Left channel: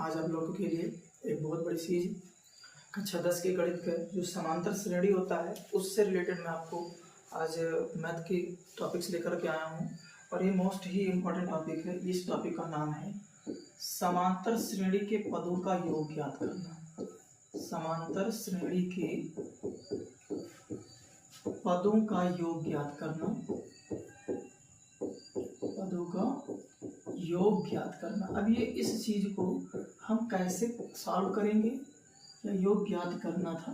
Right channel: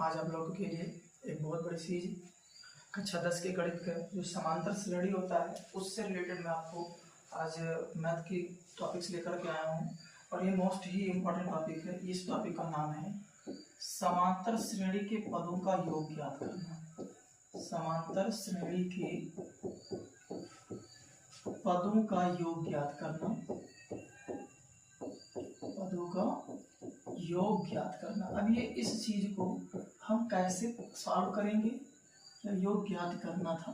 आज आप लोगों के लिए एक बहुत बड़ी चीज़ कक्षा 10 के गणित का जो समांतर श्रेणी होता है उससे रिलेटेड मैं आपको आज मैथ की टॉपिक्स लेकर के आया हूँ। और ये मोस्ट ही इम्पोर्टेंट टॉपिक है। इस टॉपिक का नाम है समांतर श्रेणी के पदों का योग ज्ञात करना। समांतर श्रेणी के पदों का योग ज्ञात करना। पदों का योग ज्ञात करना। अब ये इस चीज को हम कैसे सॉल्व करेंगे? या योग ज्ञात करना था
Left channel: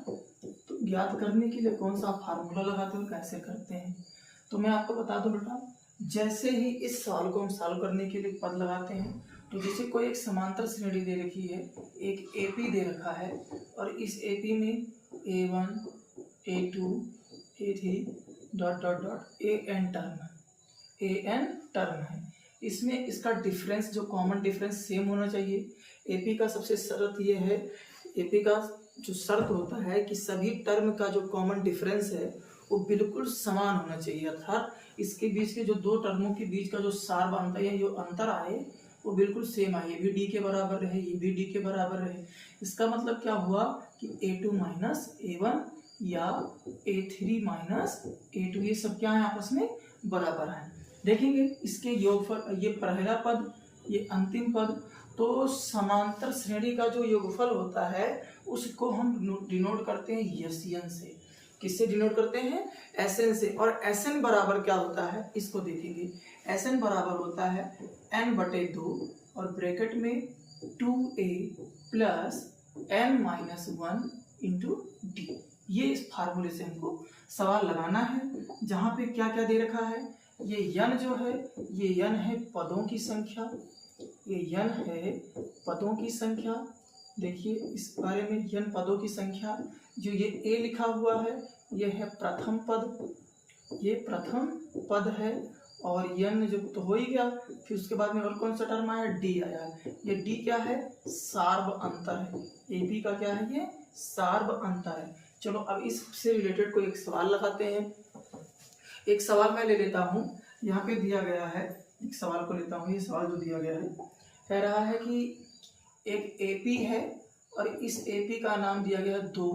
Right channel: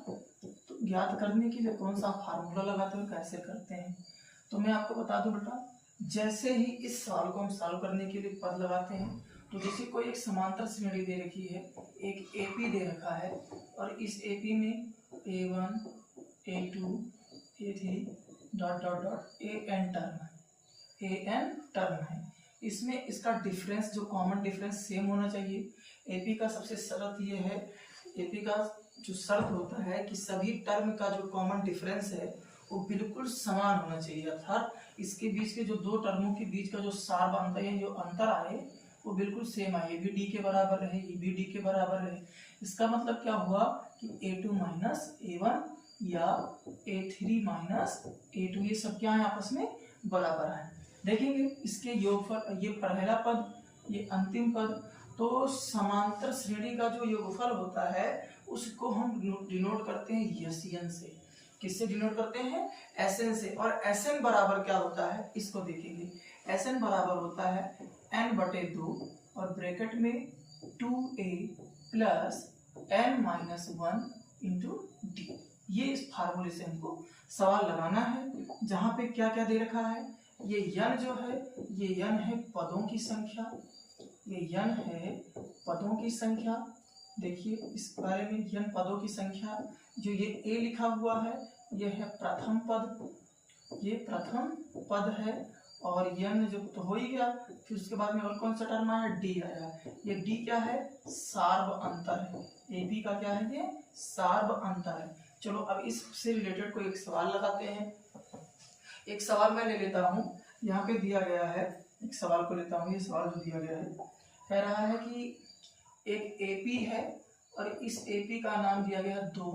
तो ज्ञात करने के लिए कौन सा फार्मूला लगाते हैं, कैसे करते हैं? तो मैं आपको बता दूं बेटा, जैसे ही इस सवाल को हम सॉल्व करने के लिए पद लगाते हैं तो जैसे कोई एक समांतर श्रेणी दे रखी है, एक एपी दे रखा है और इस एपी में A1 A2 A3 dot dot dot AN term है। इसमें इसका डिफरेंस जो कॉमन डिफरेंस सेम होना चाहिए। एपी का सबसे शर्त ये है, एपी का जो शर्त होता है कि सभी टर्म का जो कॉमन डिफरेंस है वो बिल्कुल समान होना चाहिए, अर्थात इसके बीच के जो दो टर्मों के बीच का जो सार बनता है, जो अंतर आए वो बिल्कुल सेम आए। ये भी डी के बराबर रहे, ये भी डी के बराबर रहे। इसका मतलब क्या हुआ कि A2 माइनस A1 या A3 माइनस A2 ये सब क्या है, आपस में बराबर है। देखेंगे इसके योगफल, ये पहला पद, ये अंतिम पद। तो समांतर श्रेणी का जो योगफल होता है उसको हम डिनोट करते हैं SN से। किससे डिनोट करते हैं? SN से। और SN बराबर क्या होता है इसको देखेंगे। SN बराबर होता है n/2 और ब्रैकेट में 2a plus n-1 into D. ये इस फार्मूले से हमको सवाल लगाना है, जहां पे क्या क्या दे रखा है। ये n जो है, ये n है पदों की संख्या, ये n है पदों की संख्या। देखिए इस बारे में, n पदों की संख्या। जो ये a लिखा हुआ है ये है प्रथम पद, ये प्रथम पद है। और n जो तो हो ही गया, फिर उसके बाद में और कौन सा टर्म आया? d आया है। ये d क्या है? सार्व अंतर है। ab का क्या है? ये सार्व अंतर है। चलो अब इससे रिलेटेड कोई एक सवाल लगाते हैं। एक सवाल मैं ले लेता हूँ, यहाँ पे दिया गया है, एक सवाल को लेता हूँ। ये सवाल जो दिया गया है कह रहा है कि एक AP है और इस AP का नाम दिया गया 2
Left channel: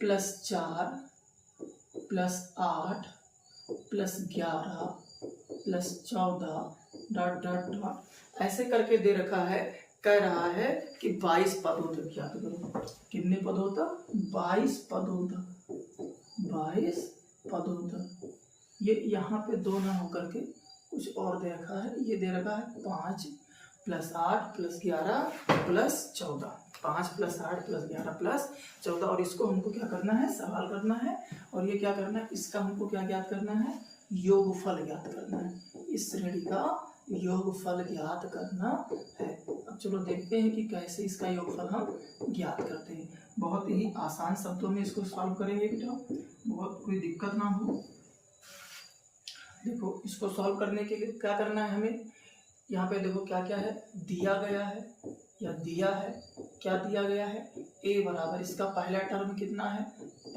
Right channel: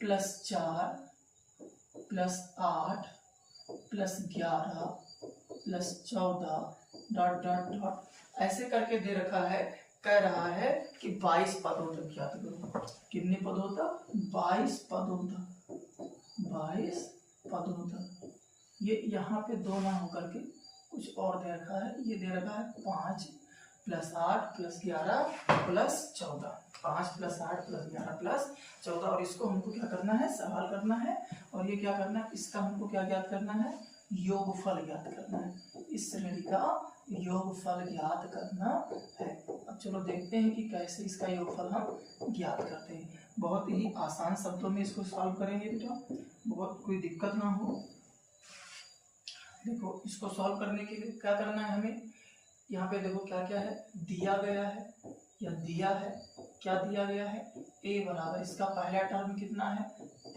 + 4 + 8 + 11 + 14 डॉट डॉट डॉट ऐसे करके दे रखा है। कह रहा है कि 22 पदों तक ज्ञात करो। कितने पदों तक? 22 पदों तक। 22 पदों तक। ये यहाँ पे 2 ना होकर के कुछ और दे रखा है। ये दे रखा है 5 + 8 + 11 + 14। 5 + 8 + 11 + 14। और इसको हमको क्या करना है? सवाल करना है। और ये क्या करना है? इसका हमको क्या ज्ञात करना है? योगफल ज्ञात करना है। इस श्रेणी का योगफल ज्ञात करना है। अब चलो देखते हैं कि कैसे इसका योगफल हम ज्ञात करते हैं। बहुत ही आसान शब्दों में इसको सॉल्व करेंगे बेटा, बहुत कोई दिक्कत ना हो। देखो इसको सॉल्व करने के लिए क्या करना है हमें? यहाँ पे देखो क्या क्या है दिया गया है, या दिया है। क्या दिया गया है? a बराबर, इसका पहला टर्म कितना है? 5।